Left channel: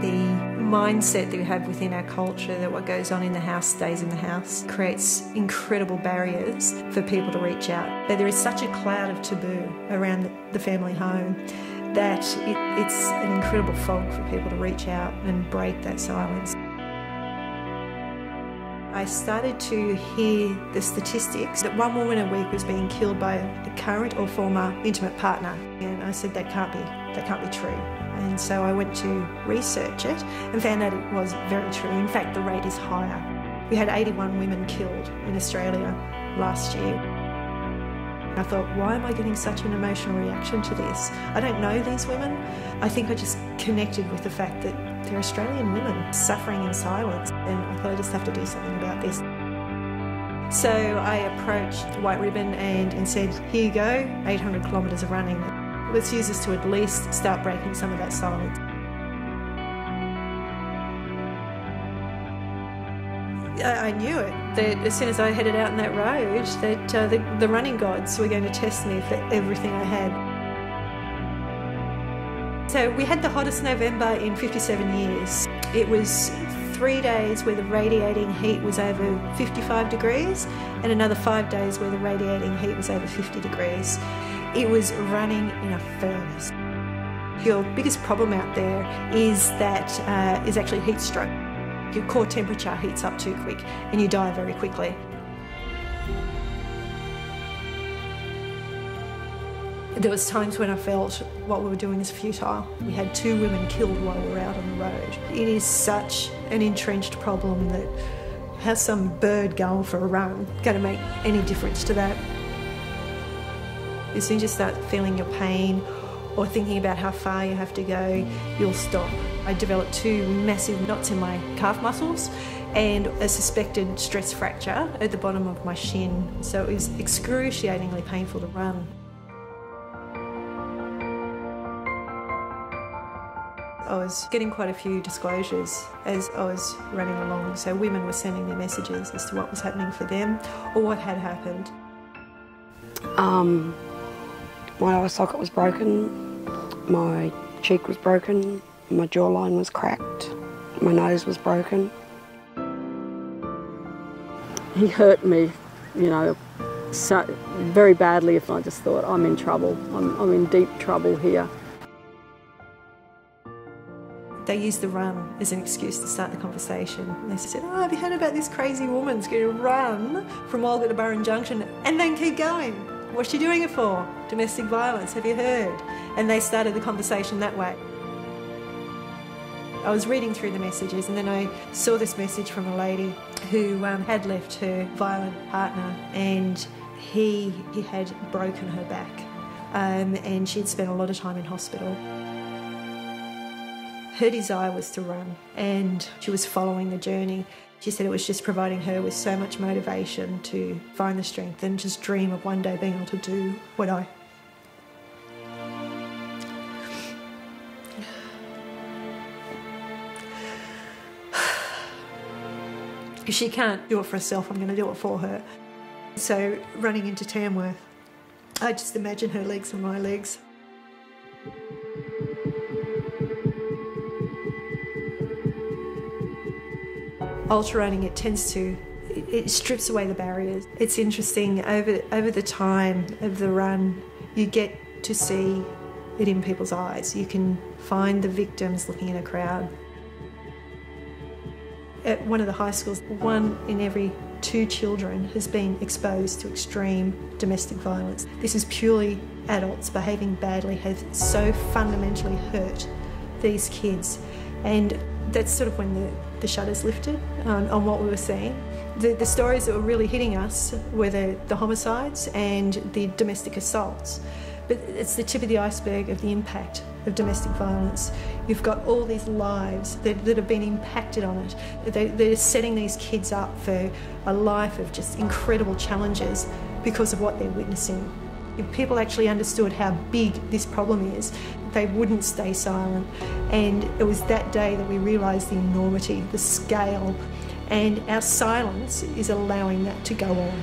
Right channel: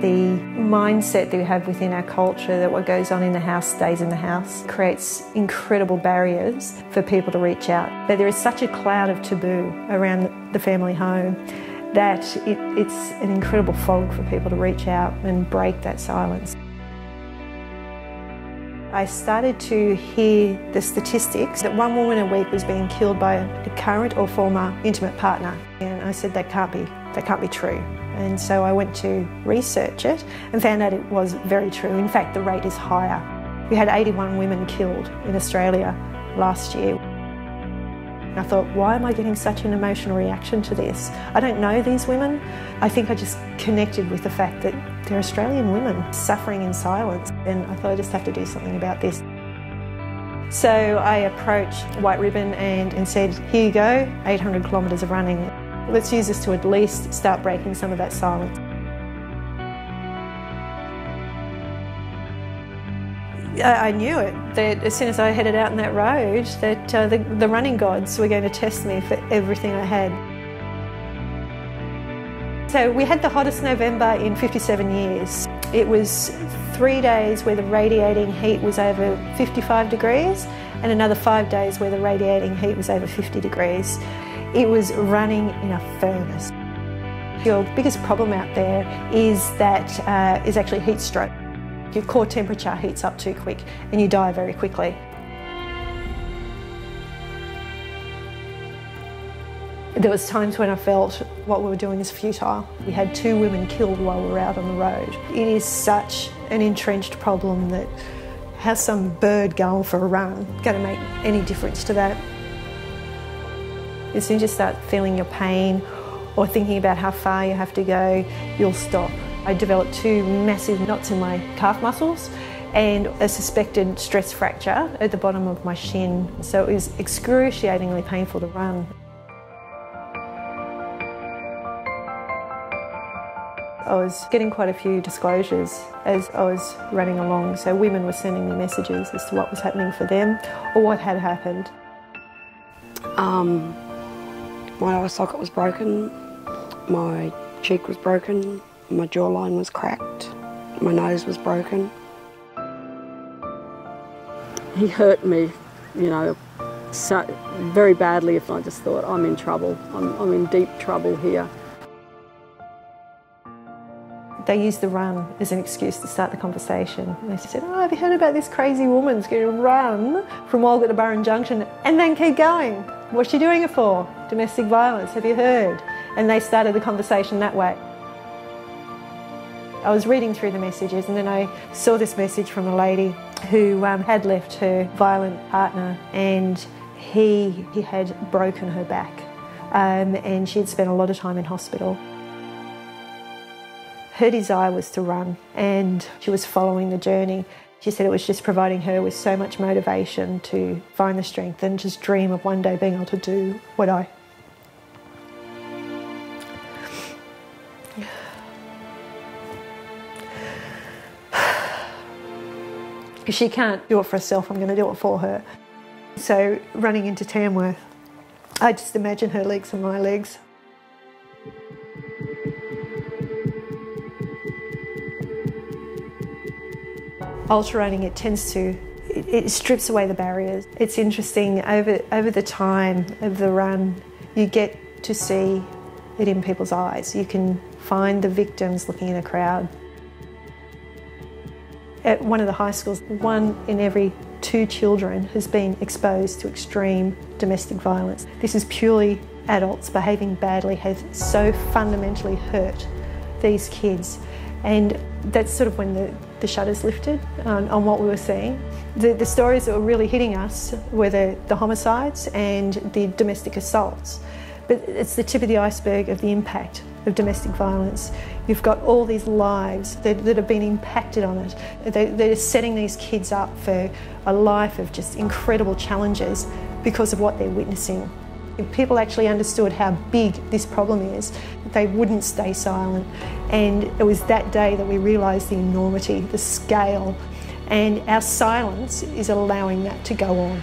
The mindset that we have within our culture that what goes on in the house stays in the house creates incredible barriers for people to reach out. But there is such a cloud of taboo around the family home that it's an incredible fog for people to reach out and break that silence. I started to hear the statistics that 1 woman a week was being killed by a current or former intimate partner. And I said, that can't be true. And so I went to research it and found out it was very true. In fact, the rate is higher. We had 81 women killed in Australia last year. I thought, why am I getting such an emotional reaction to this? I don't know these women. I think I just connected with the fact that they're Australian women suffering in silence, and I thought I just have to do something about this. So I approached White Ribbon and said, here you go, 800 kilometres of running. Let's use this to at least start breaking some of that silence. I knew it, that as soon as I headed out on that road, that the running gods were going to test me for everything I had. So we had the hottest November in 57 years. It was 3 days where the radiating heat was over 55 degrees and another 5 days where the radiating heat was over 50 degrees. It was running in a furnace. Your biggest problem out there is that is actually heat stroke. Your core temperature heats up too quick and you die very quickly. There was times when I felt what we were doing is futile. We had 2 women killed while we were out on the road. It is such an entrenched problem that how some bird going for a run going to make any difference to that? As soon as you start feeling your pain or thinking about how far you have to go, you'll stop. I developed 2 massive knots in my calf muscles and a suspected stress fracture at the bottom of my shin. So it was excruciatingly painful to run. I was getting quite a few disclosures as I was running along. So women were sending me messages as to what was happening for them or what had happened. My eye socket was broken, my cheek was broken, my jawline was cracked, my nose was broken. He hurt me, you know, so very badly. If I just thought, I'm in trouble, I'm in deep trouble here. They used the run as an excuse to start the conversation. They said, oh, have you heard about this crazy woman who's going to run from Walgett to Burren Junction and then keep going? What's she doing it for? Domestic violence, have you heard? And they started the conversation that way. I was reading through the messages and then I saw this message from a lady who had left her violent partner and he had broken her back and she'd spent a lot of time in hospital. Her desire was to run and she was following the journey. She said it was just providing her with so much motivation to find the strength and just dream of one day being able to do what I... If she can't do it for herself, I'm going to do it for her. So running into Tamworth, I just imagine her legs and my legs. Ultra running, it strips away the barriers. It's interesting, over the time of the run, you get to see it in people's eyes. You can find the victims looking in a crowd. At one of the high schools, 1 in every 2 children has been exposed to extreme domestic violence. This is purely adults behaving badly have so fundamentally hurt these kids. And that's sort of when the shutters lifted on what we were seeing. The stories that were really hitting us were the homicides and the domestic assaults. But it's the tip of the iceberg of the impact of domestic violence. You've got all these lives that have been impacted on it. They're setting these kids up for a life of just incredible challenges because of what they're witnessing. If people actually understood how big this problem is, they wouldn't stay silent. And it was that day that we realised the enormity, the scale, and our silence is allowing that to go on.